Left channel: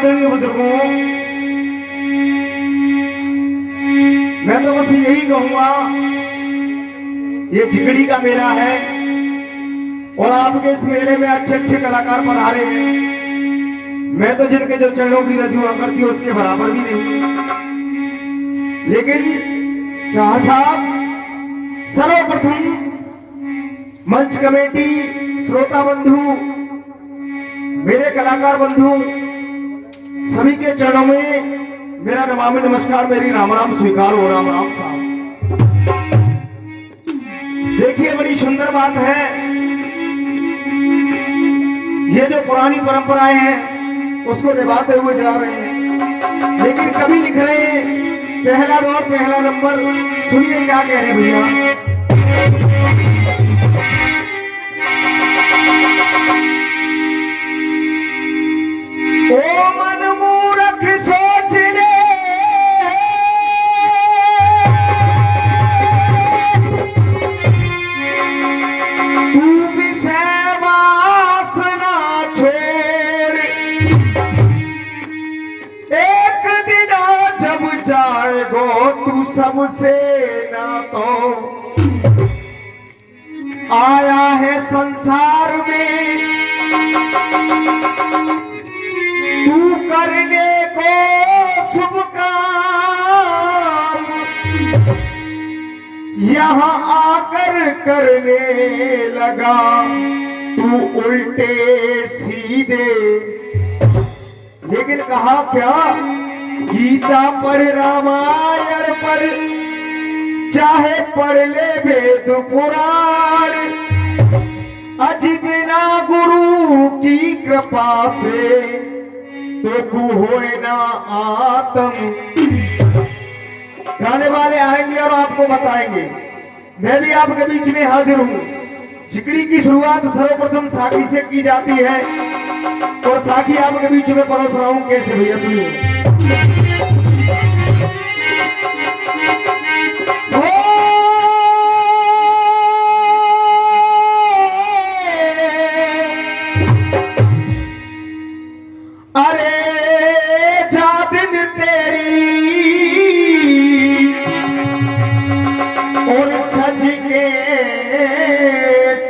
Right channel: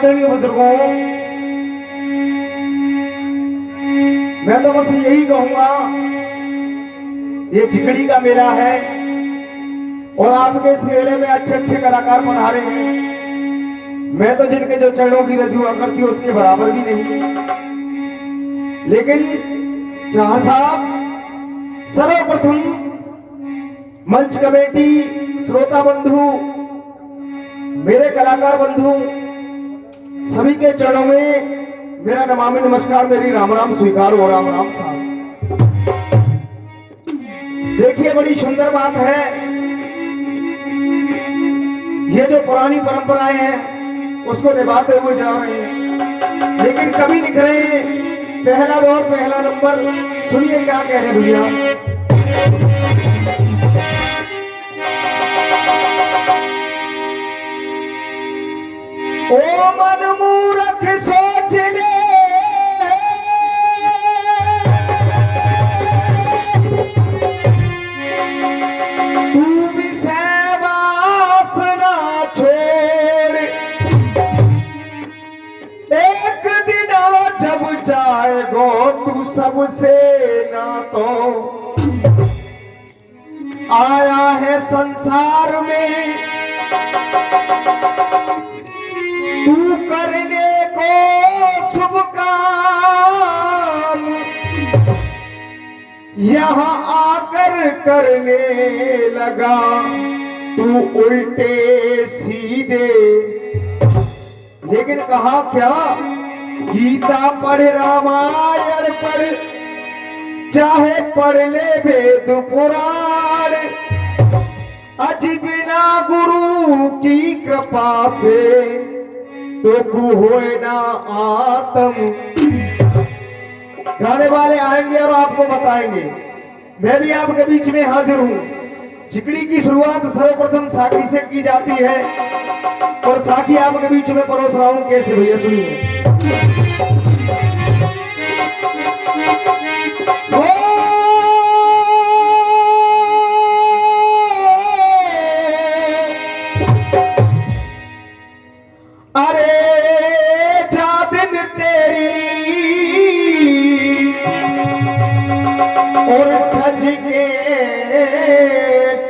आदरणीय बुजुर्गों, मैं तो बस यही कहूंगा, ये झिकड़ी का मेला है और आपके इस मेले में अच्छे अच्छे कलाकार पधारे हैं। मैं तो जिनके जो चरणों की रजुआ करती हूँ उसके बराबर भी नहीं, लेकिन चाहर साहब, सर्वप्रथम मंच कमेटी, श्रोता बंधु, मेरे कलाकार बंधु सभी के चरणों में मेरा नमामि नमस्कार, मेरी राम राम स्वीकार हो। राम राम साहब। देखिए, बड़ी सुंदर बात है, ये जो पुरानी परंपराएं हैं उसको निभाते हुए जा रहे हैं, लेकिन कभी लिख रहे हैं पहला दौर पहला नंबर। सुनिए क्या कह रहे भैया। ओ मन मूर्ख सोच ले, तू भी वासना छोड़, एक दिन जब जाएगो तू सबसे ना तो आया है संसार में तू करने को शुभ काम, यहाँ आकर करने लगा तू उल्टे सीधे। लेकिन कहा क्या, गीता पढ़, रामायण पढ़, चाहे पढ़ ले वेद पुराण, अज बिना गुरु की कृपा से तो कु होए ना आत्म। गाने वाले आएंगे और आपको बताएंगे। मैं भी आपके बीच में हाजिर हूं। झिकड़ी की शुरुआत सर्वप्रथम साखी से की जाती है और साखी आपके बीच में परोस रहा हूं। कैसे भैया, सुनिए।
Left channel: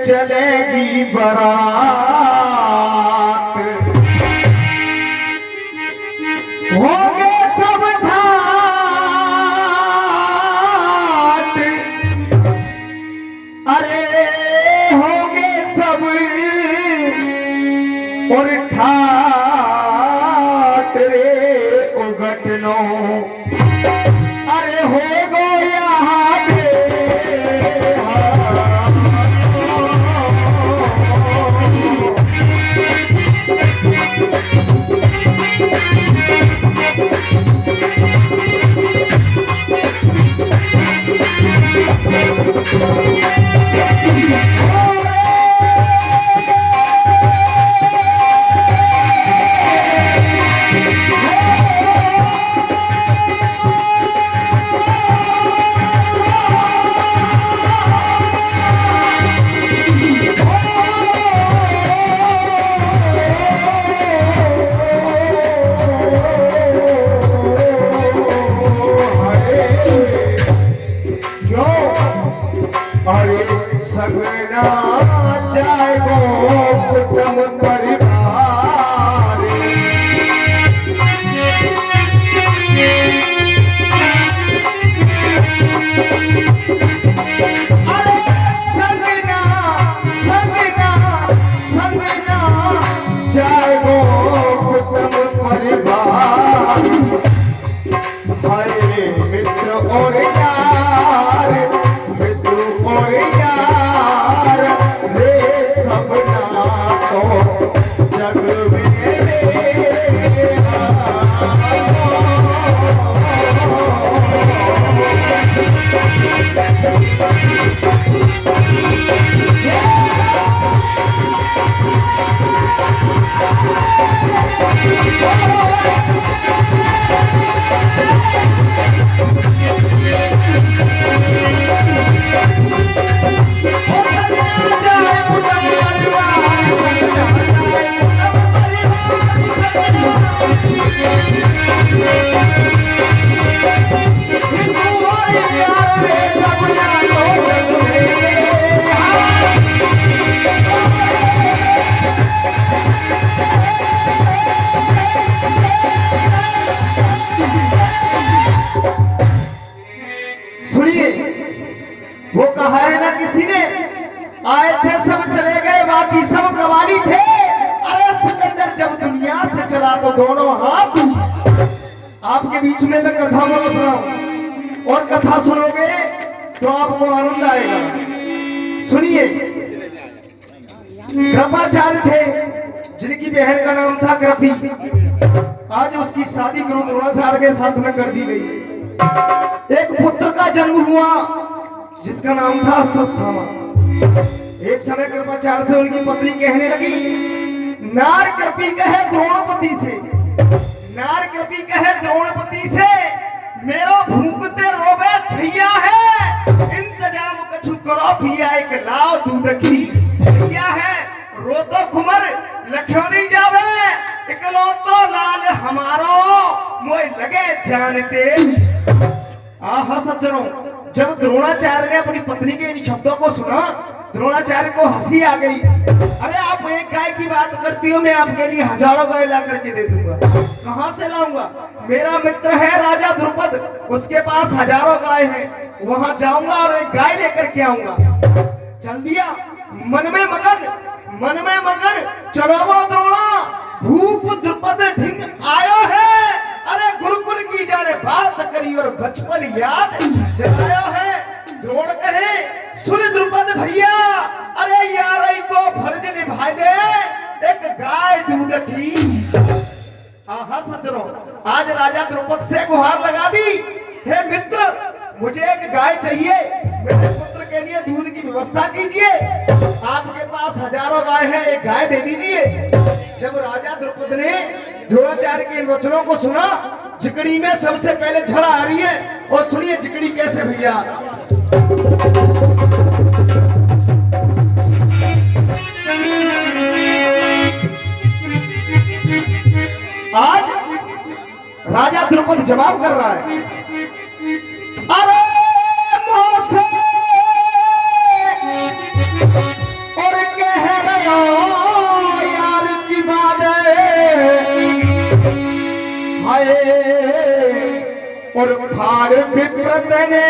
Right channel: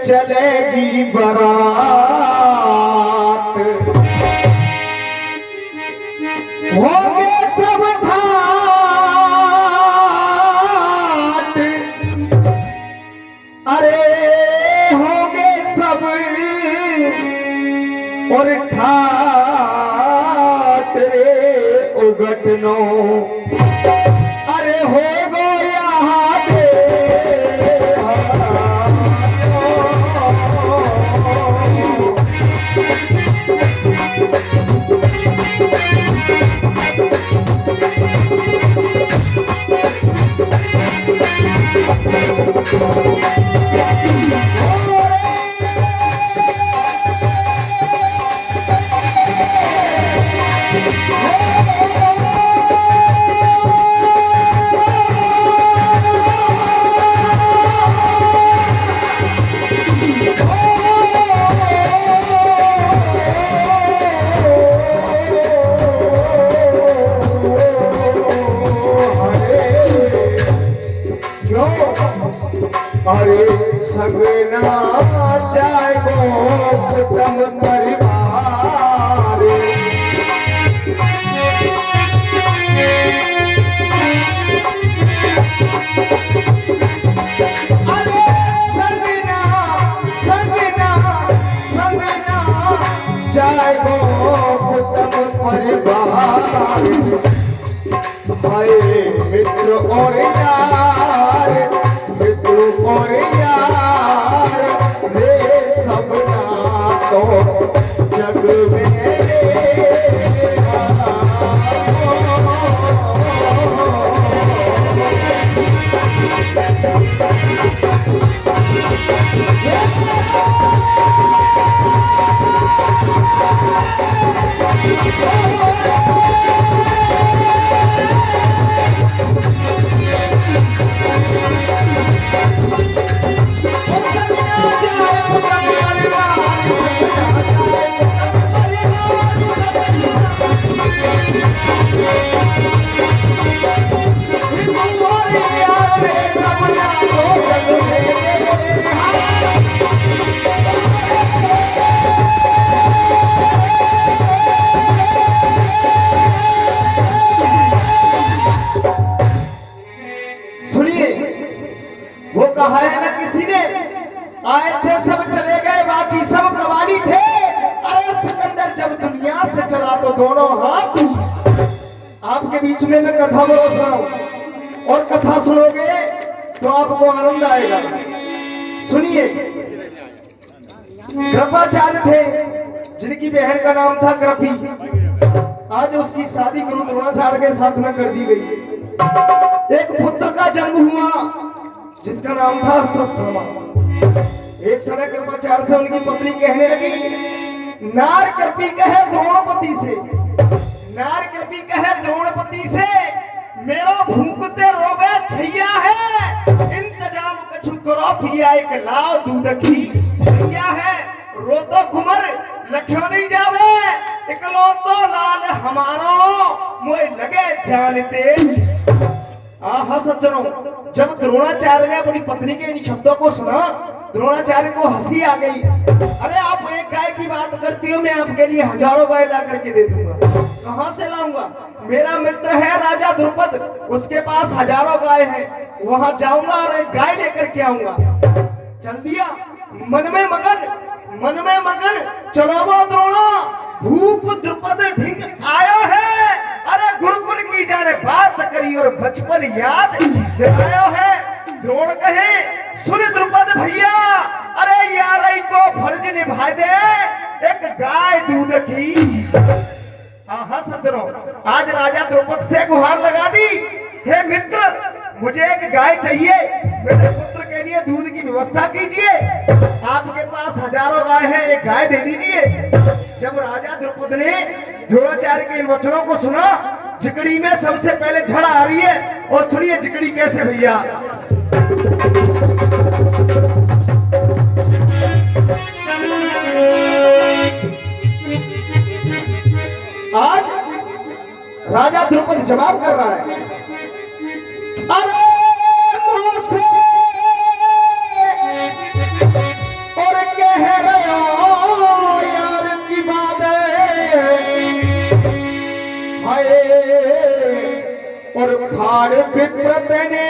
चलेगी बारात, होंगे सब ठाट, अरे होंगे सब और ठाट रे उगटनो, अरे हो गो यहाँ पे सगना जाएगो कुटुंब परिवार, अरे सगना सगना सगना जाएगो कुटुंब परिवार, भाई मित्र और यार, मित्र और यार रे सबना तो वो कहा है ना किसी ने, आए थे सब चले गए बाकी सब कवाली थे। अरे सिकंदर जब दुनिया से चला तो दोनों हाथ। आपके बीच में मैं कथा बोलो सुनाऊं, और कथा सुनोगे तो आपको आनंद आएगा। सुनिए, कृपाचार्य थे जिनकी बहन का नाम था कृपी। आज उसकी शादी गुरु द्रोणाचार्य के साथ में कर दी गई। एक पुत्र का जन्म हुआ जिसका नाम था अश्वत्थामा। एक समय कृपाचार्य से उनकी पत्नी कहने लगी, नार कृपी कहे द्रोणपति से, नार कृपी कहे द्रोणपति से, मेरो भूखते रोबे छैया है, इंतजाम कछु करो पिया एक लाओ दूध की छैया है, रोतो कुमर लख्यो नहीं जावे, इकलौतो लाल हमारो मोय लगे जानते। आहा सज्जनों, जब द्रोणाचार्य ने अपनी पत्नी के इन शब्दों को सुना, द्रोणाचार्य को हंसी आ गई। अरे आप एक गाय की बात करती हो, मैं आपके लिए हजारों गाय ला करके दे दूंगा। कहां से लाऊंगा? मेरा मित्र है राजा द्रुपद, उसके पास हजारों गाय हैं, वहां जाऊंगा और एक गाय लेकर के आऊंगा। चल दिया, मन में मगन चलो वो द्रोणा, भूप द्रुपद ढिंग आयो है। अरे गुरुकुल की जाने बात करी और बचपन याद दिलायो है। द्रोण कहे, सुन द्रुपद भैया, अरे यार को फर्ज निभाए दे एक गाय दूध की। आहा सज्जनों, आज राजा द्रुपद से गुहार लगा दी, हे मित्र मुझे एक गाय चाहिए, मेरे पुत्र के लिए दूध की व्यवस्था कीजिए। आपके पास हजारों गाय है, एक गाय दे दीजिए। जब राजा द्रुपद ने द्रोणाचार्य के इन वचनों को सुना, जिकड़ी में सबसे पहले झड़ आ रही है। और सुनिए जिकड़ी कैसे भैया। आज राजा द्रुपद जवाब कर रहा है, अरे मोसे और कह रहा यार की बात हाय, और फाड़ विप्रत ने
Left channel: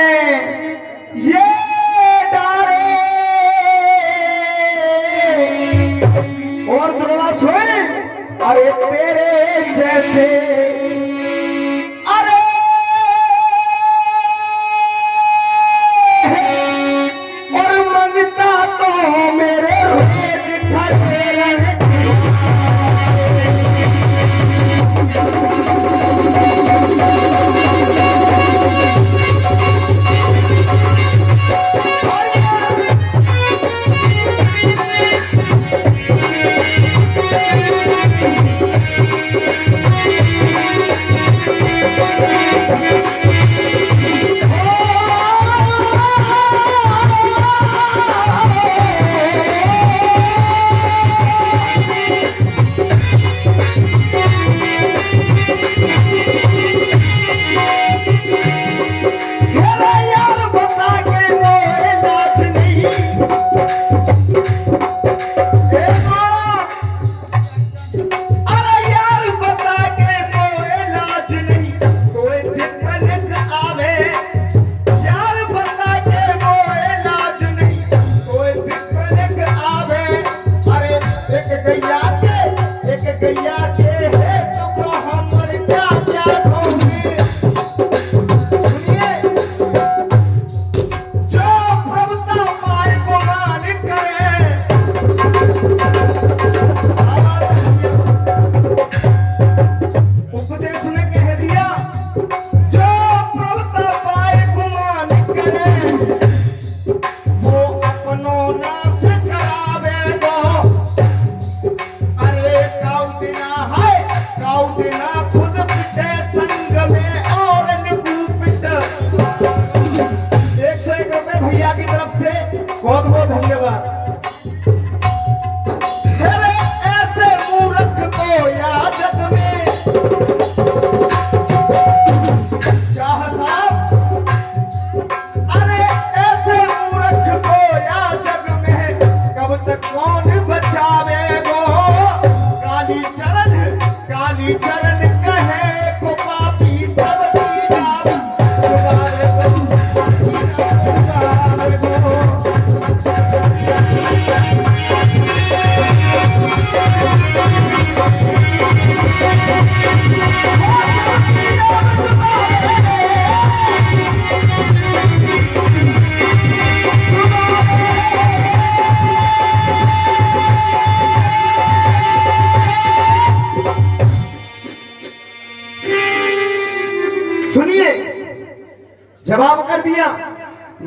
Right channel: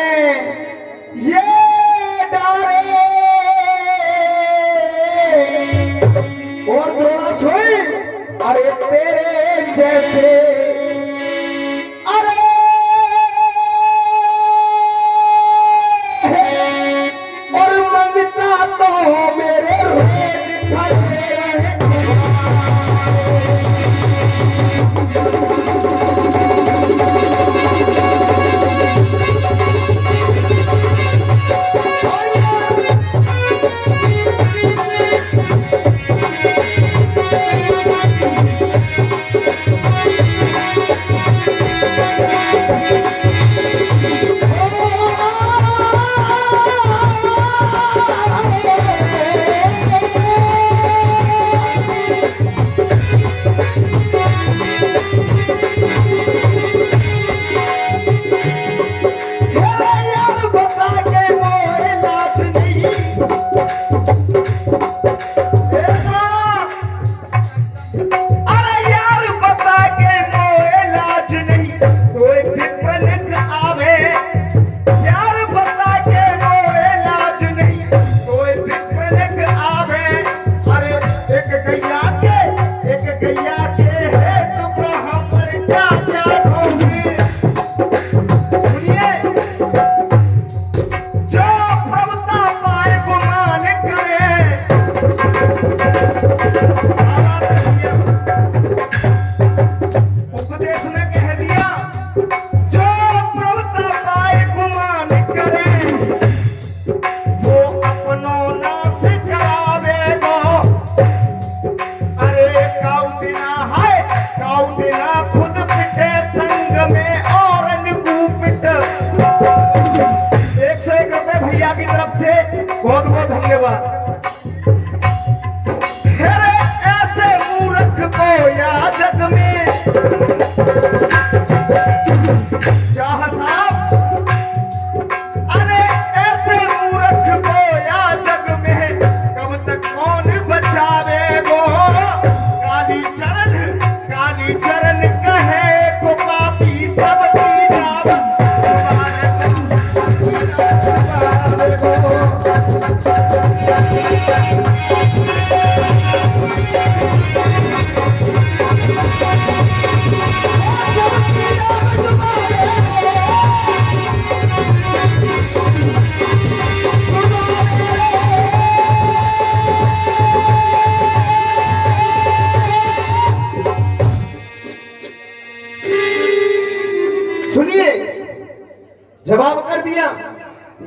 ये डारे, और द्रोणा सोए अरे तेरे जैसे, अरे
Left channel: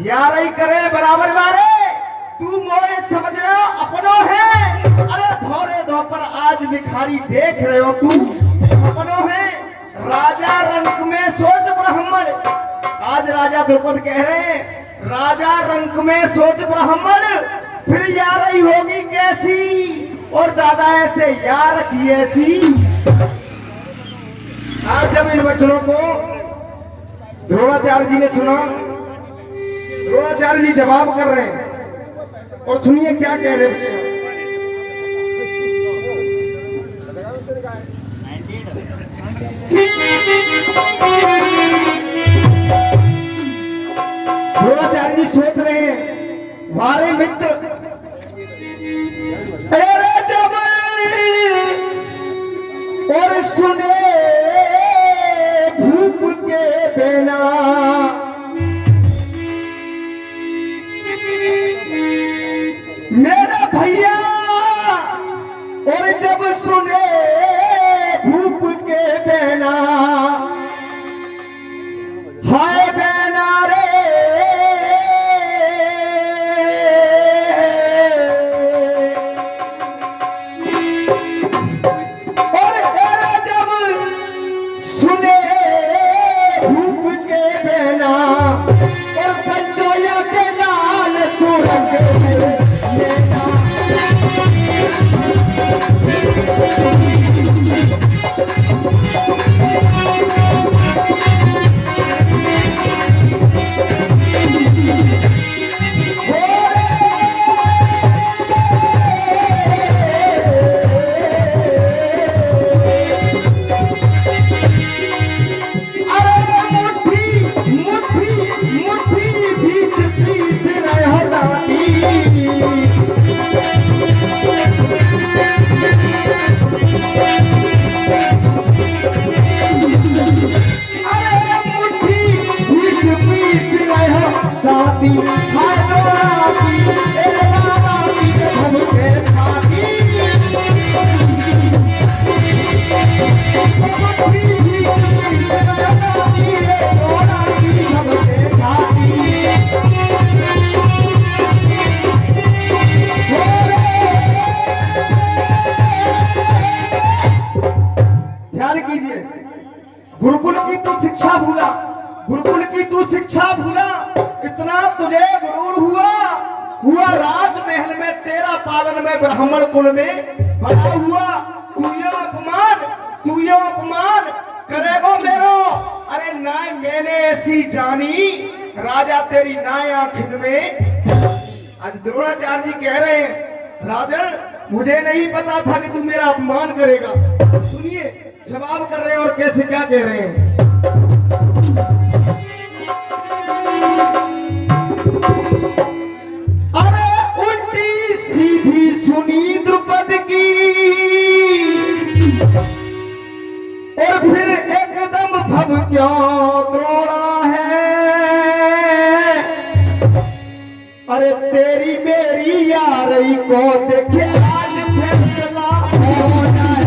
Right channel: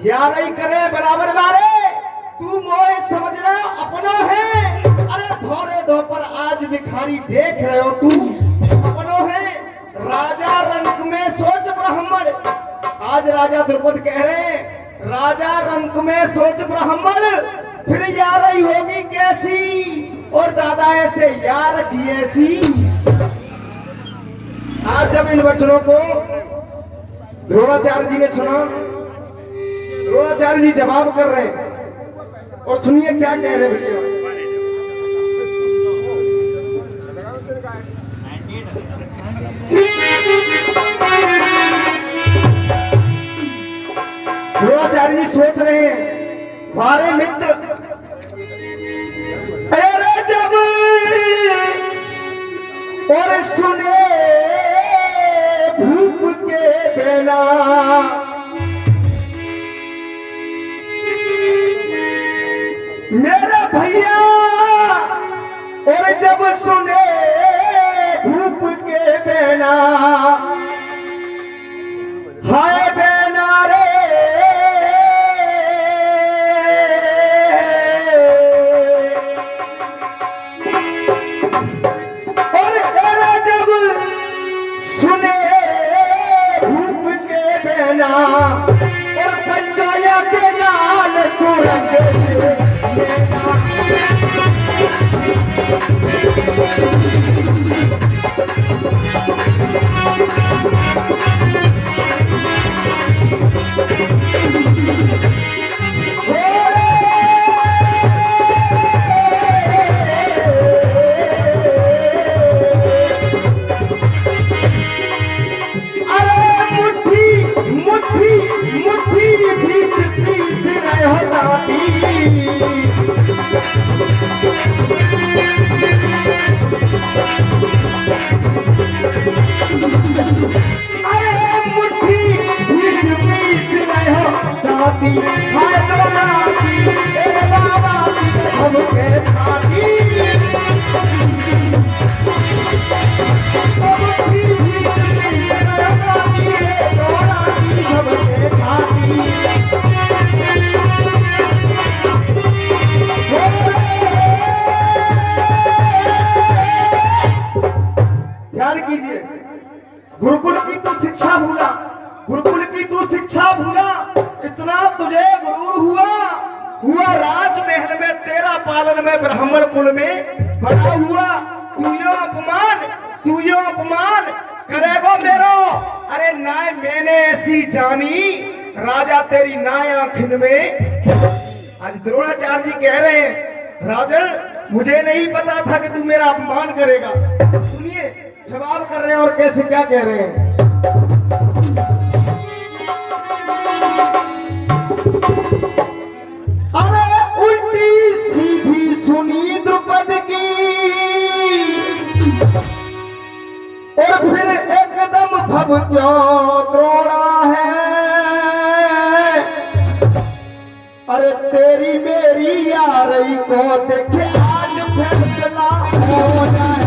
यार ही करे बराबर बारे, तू मोए समझ रहा अपनो है। अरे थोड़े दो पर आज भिखारी देख रहे हो, तू अपनो है। राजा रंक में सोच ब्राह्मण, आज राजा द्रुपद कह रहे हैं राजा रंक में सोच ब्राह्मण, फिर यार ही होगी कैसी, और दादा ऐसे यार की ऐसी। आज जब इन बच्चों को द्रोणाचार्य जी ने सुना, द्रोणाचार्य जी जवाब कर रहे हैं, और सुनिए क्या कह रहे बच्चों। द्रोणाचार्य जी सोच रहे हैं, वारे मित्र, अरे जब और सुने भूप के बेला, मेरे भैया, और जब सुने भूप के बेला, हाय बेना रे, और जब सुने भूप के बेला, और पंचाया के नाल सुरंग गुरुकुल की तू शिक्षा भूला, गुरुकुल की तू शिक्षा भूला, इतना तुझे गुरूर हुआ राजमहल में तेरा पालन में ब्राह्मण कुल में बड़ा हुआ, तू यो अपमान करेगो मेरो। अरे नाय मैंने ऐसी जानी, राजा तेरी नाय आंखिन में। आज द्रोणाचार्य जी कह रहे हैं राजन मुझे नहीं पता था कि तू मेरा अपमान करेगा। सुनिए जवाब कर रहे हैं और कैसे क्या कह रहे हैं। अरे उल्टी सीधी सुनी द्रुपद की, और फिर एकदम भव क्यों द्रोणा है। अरे तेरी मेरी यारी को देखे आज फैसला हो जाए।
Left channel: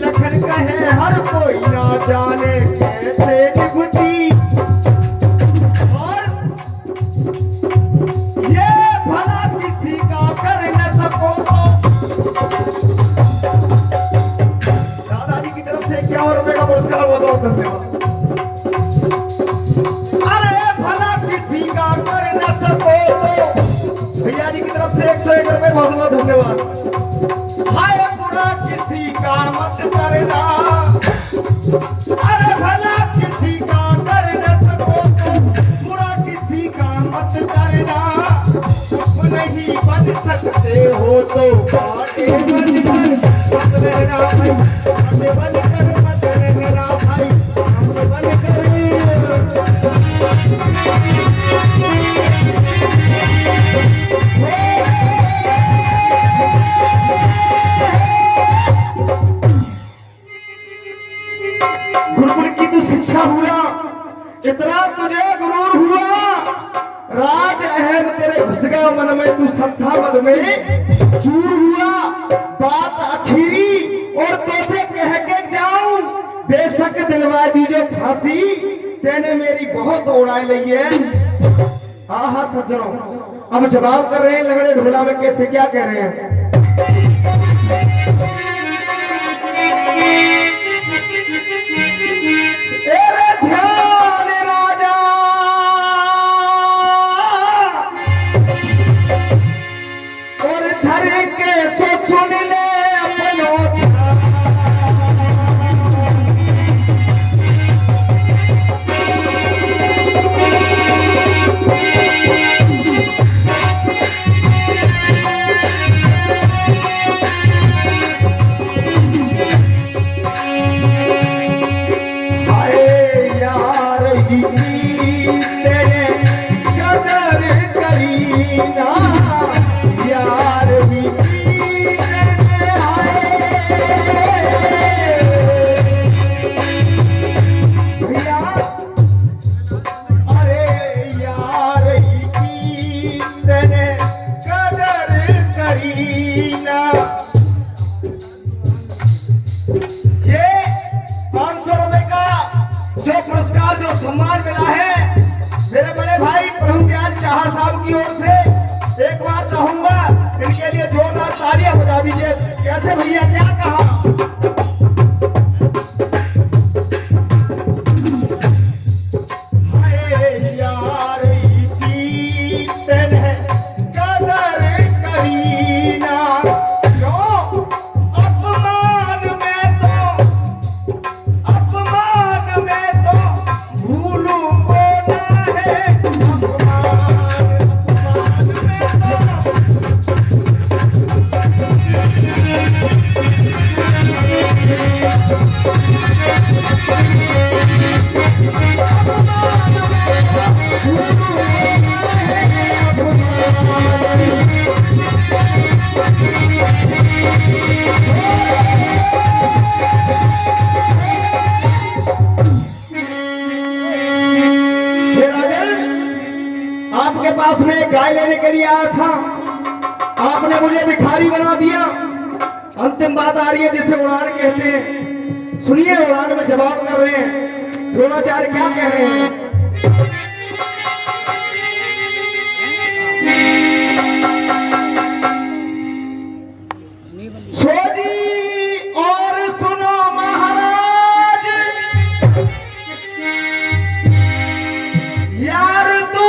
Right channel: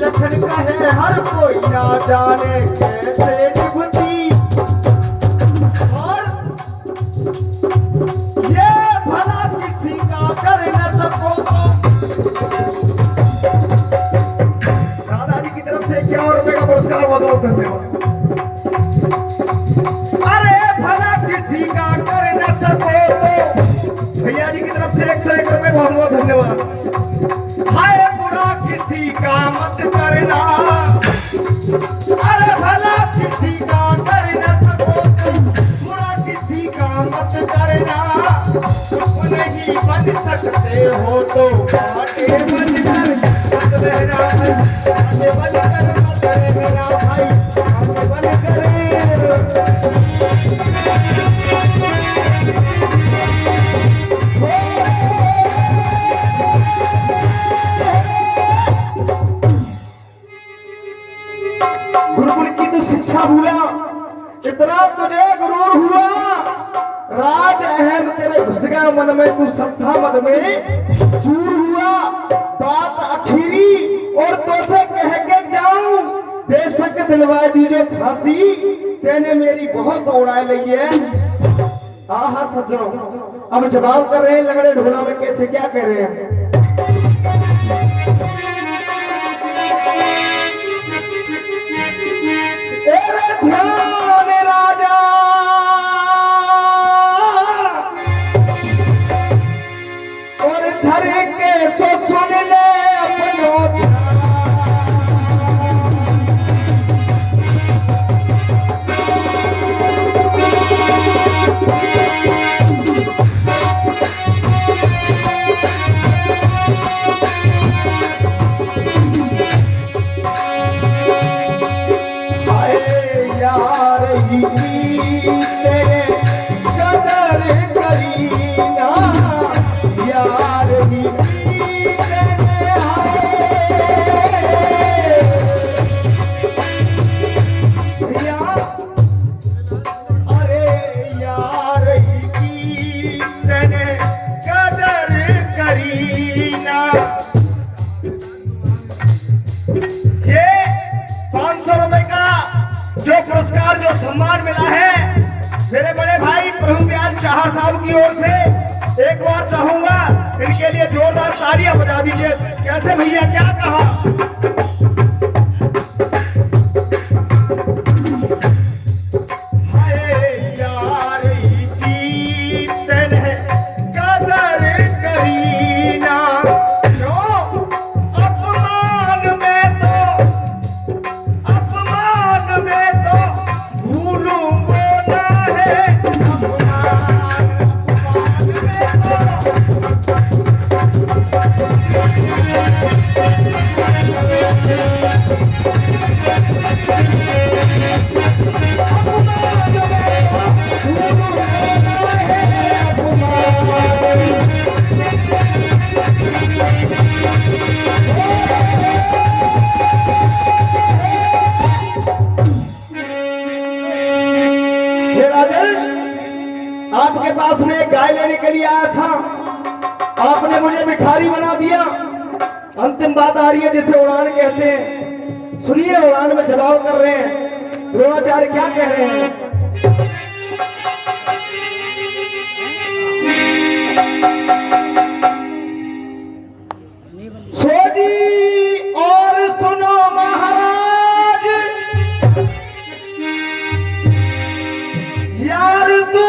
लखन कहे हर कोई ना जाने कैसे निभती, और ये भला किसी का कर न सको। दादाजी की तरफ से 51 रुपए का पुरस्कार बहुत बहुत धन्यवाद। अरे भला किसी का कर न सको तो भैया जी की तरफ से 101 रुपए बहुत बहुत धन्यवाद। हाय बुरा किसी का मत करना, अरे भला किसी का कर न सको तो बुरा किसी का मत करना। नहीं बन सकते हो तो काटे बन कर मत रहना, काटे बन कर मत रहना भाई, काटे बन कर। मन में तू सत्ता मद में चूर हुआ बात आखिरी और तो से कह के जाऊं बेशक दिलवा दीजिए फांसी तेने मेरी बहुत उड़ाई ली है। हाँ हाँ सज्जनों अब जवाब कर रहे हैं लंगड़े ढोला में कैसे क्या कह रहे हैं। ध्यान राजा और धर के सो सुन ले अपनो सम्मान मिला है मेरे बड़े भाई प्रभु ज्ञान चाहर साहब की ओर से। एक बार चाहूंगा इनके लिए जोरदार तालियां बजा दीजिए। कैसे भैया क्या कहा? आपके पास में एक गाय लेने के लिए आया था, आपने मुझे भिखारी बना दिया। अंतिम बात आ रही है जिसे उड़ान कहते हैं। सुनिए उड़ान में जवाब कर रहे हैं द्रोणाचार्य क्या कह रहे हैं। सोजी और सुनो महाराज यार तू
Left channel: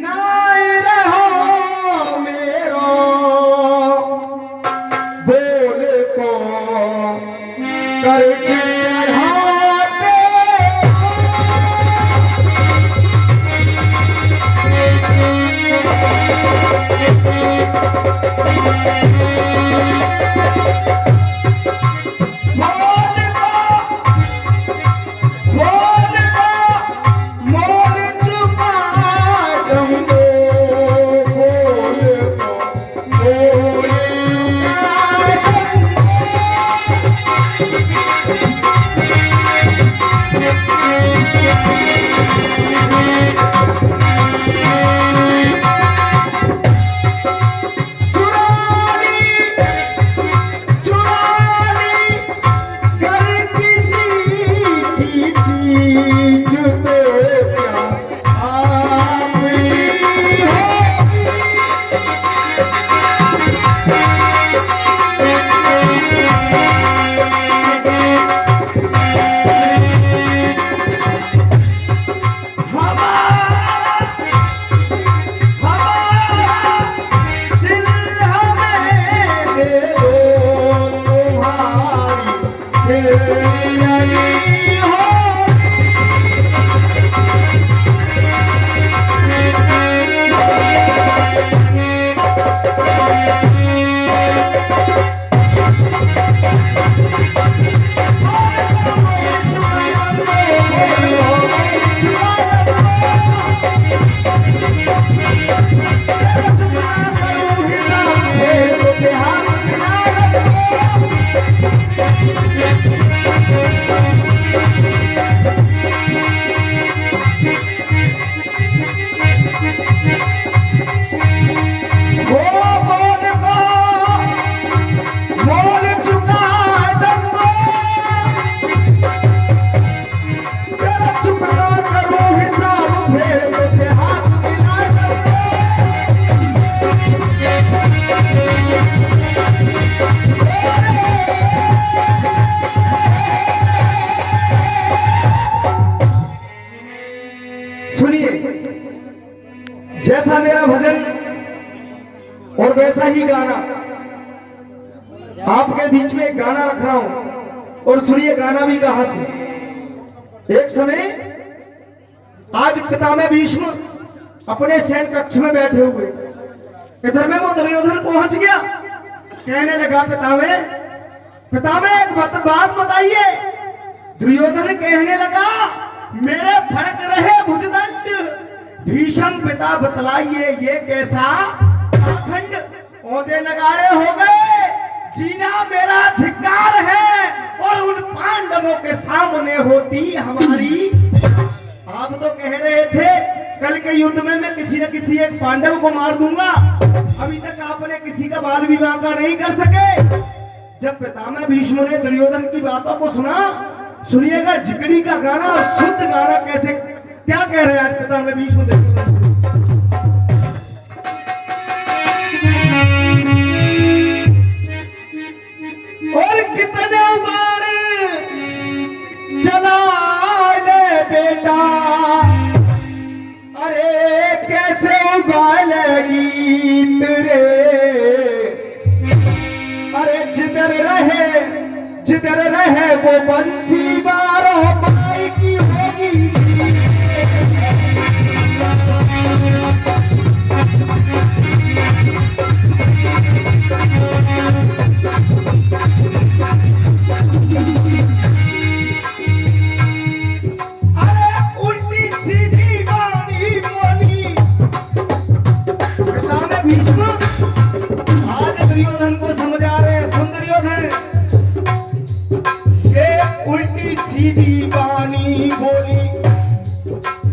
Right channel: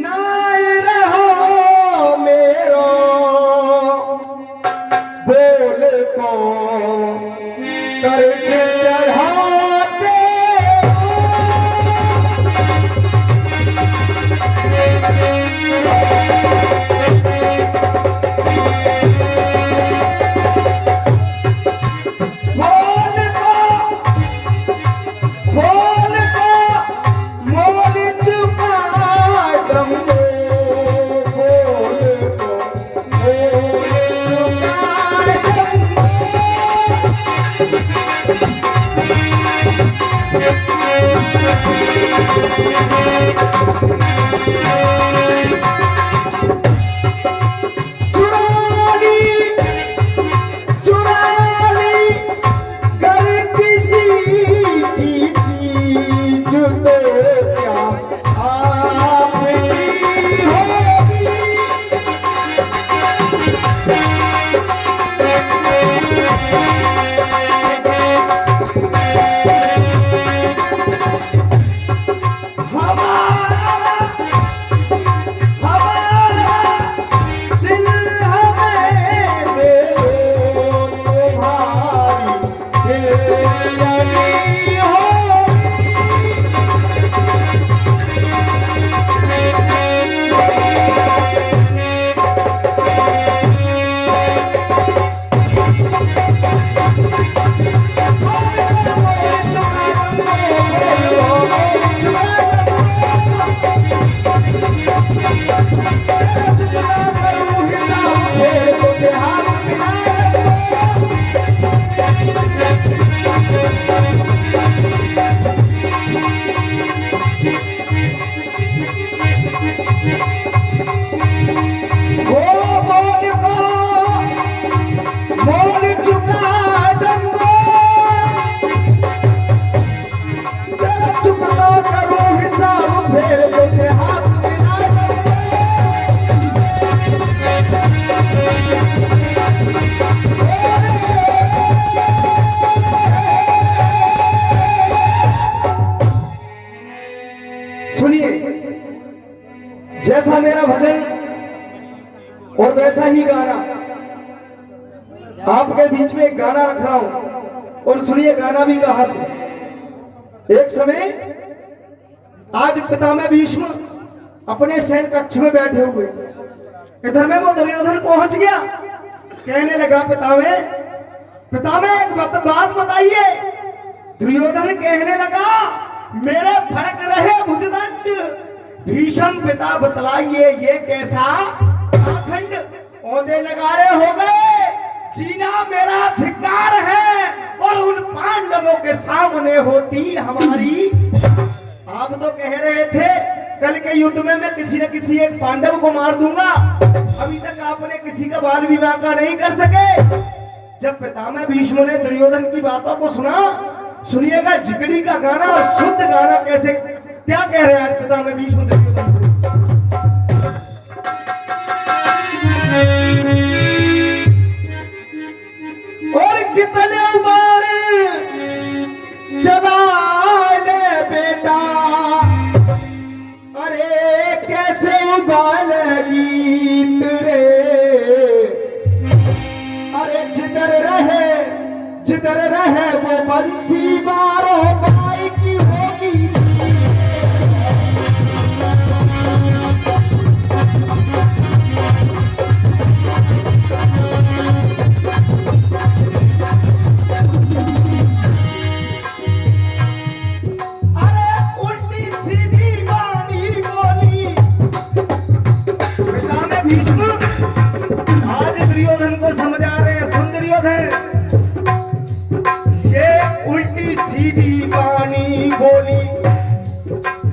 नाई रहो मेरो बोल को कर्ज चढ़ाते ऐसा ही गाना आपके बीच में एक गाना रख रहा हूं और सुनिए गाना भी कहां से। एक समय आज पितामह भीष्म अपने सैन कक्ष में बैठे हुए, इधर में वो दुर्योधन पहुंच गया। कहने लगा पितामह एक बात बताइए। दुर्योधन कहने लगा मेरे फड़क रहे भुजदंड, भीष्म पिता बतलाइए ये कैसा खंड। औंधे नगाड़े हो गए, जीना मेरा धिक्कार है, और उन पांडवों के सामने होती हमारी। आप तो कह रहे थे कल के युद्ध में मैं किसी न किसी एक पांडव को मार दूंगा, अभी तक आपने किसी का बाल विवाह का नहीं कर सके। जब पितामह भीष्म ने दुर्योधन की बातों को सुना, सुनिएगा जिगड़ी का गाना और शुद्ध गाना कैसे क्या कह रहे हैं पितामह भीष्म दुर्योधन। और कितने बार चला ले बेटा, अरे कैसे उबाले गीत रे, अरे जिधर रहे वो बंसी बारो बाई की होगी। आज दुर्योधन को समझा रहे हैं, सुन दुर्योधन, ये उल्टी सीधी वाणी बोली,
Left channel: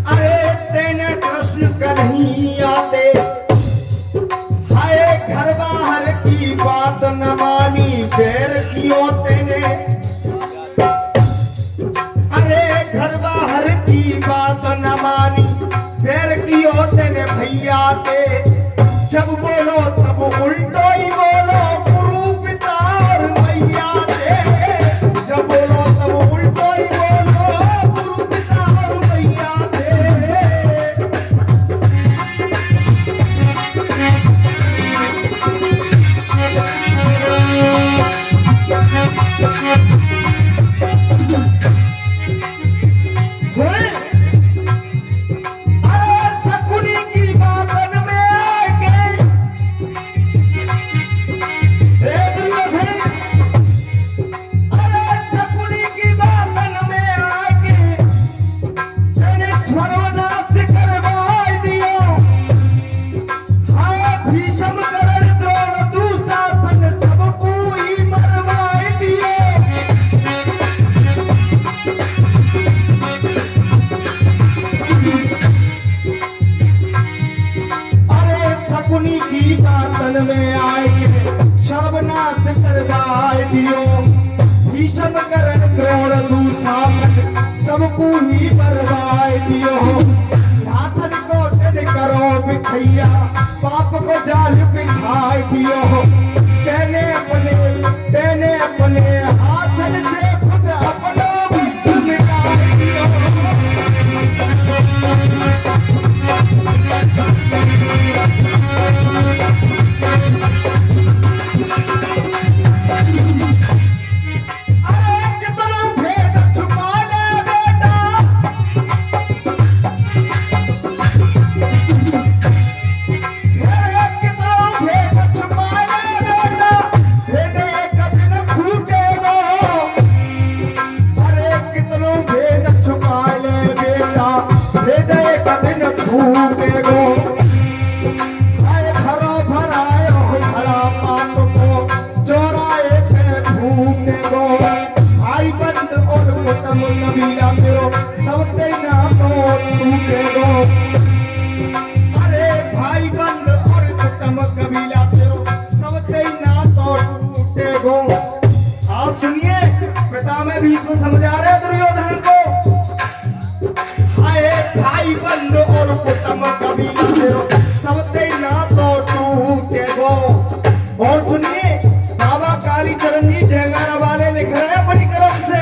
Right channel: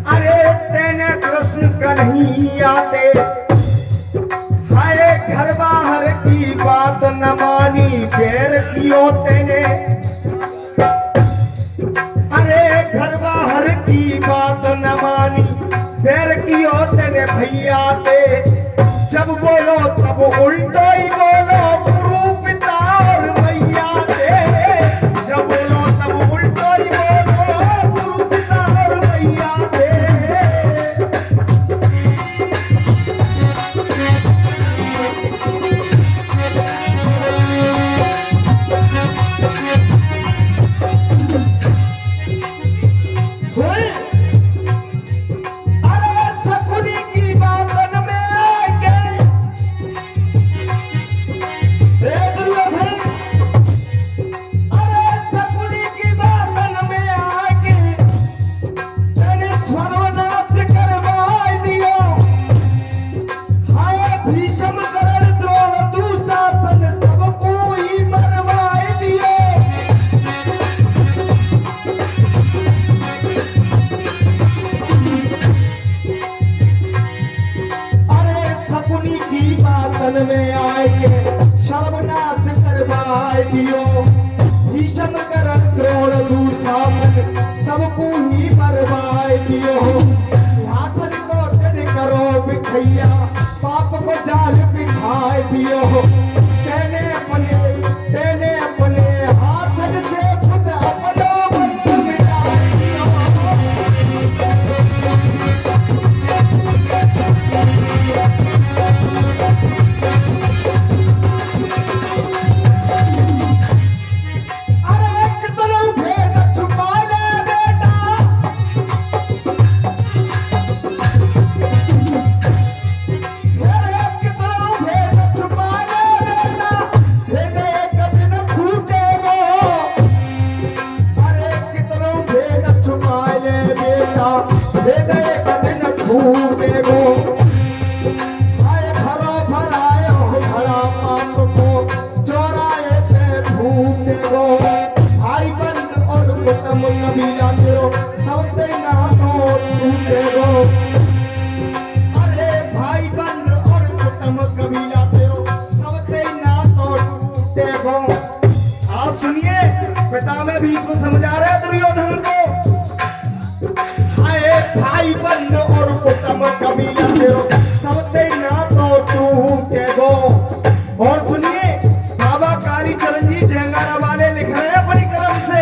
अरे तेने कृष्ण का नहीं आते, हाय घर बाहर की बात न मानी, पैर कियो तेने, अरे घर बाहर की बात न मानी, पैर कियो तेने भैया ते। जब बोलो तब उल्टो ही बोलो, गुरु पिता और मैया दे। जब बोलो तब उल्टो ही बोलो, गुरु पिता और मैया दे। और सुनिए बाबा काली चरण जी झंगारा वाले लिख रहे हैं अपनी कलम से,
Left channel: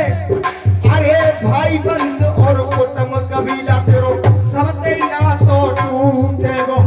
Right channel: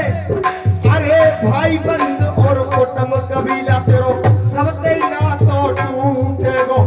अरे भाई बंद और कुटुंब कबीला तेरो सब ना तो टूटे गो।